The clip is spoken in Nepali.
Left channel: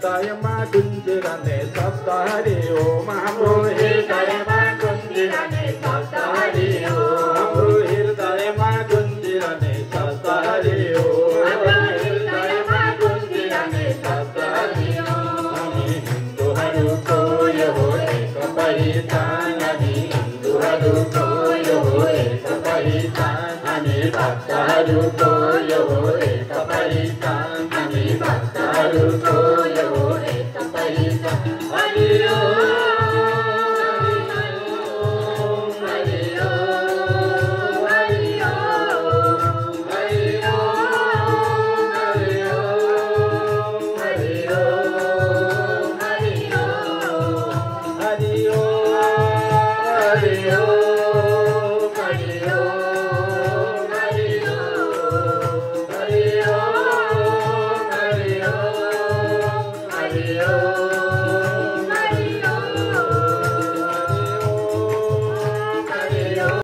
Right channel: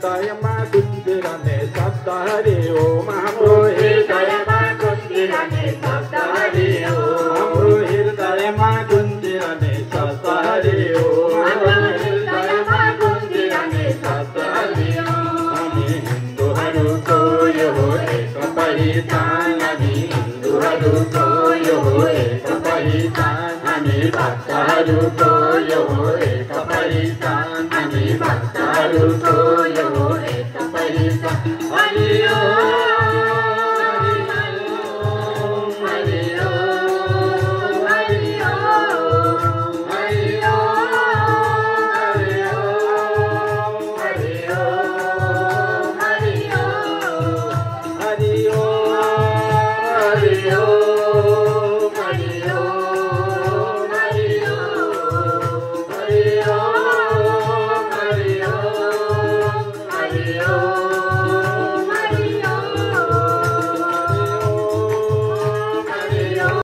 हृदयमा गुन्जिरहने शब्द हरि ओम हाम्रो हृदयमा गुन्जिरहने शब्द हरि ओम हाम्रो हृदयमा गुन्जिरहने शब्द हरि ओम हृदयमा गुन्जिरहने शब्द हरि ओम हामी हिन्दूहरूको यो हो एक पहिचान हामी हिन्दूहरूको यो हो एक पहिचान हामी भक्तहरूको यो हो एक पहिचान हामी भक्तहरूको यो हो एक पहिचान हरि ओम हरि ओम हरि ओम हरि ओम हरि ओम हरि ओम हरि ओम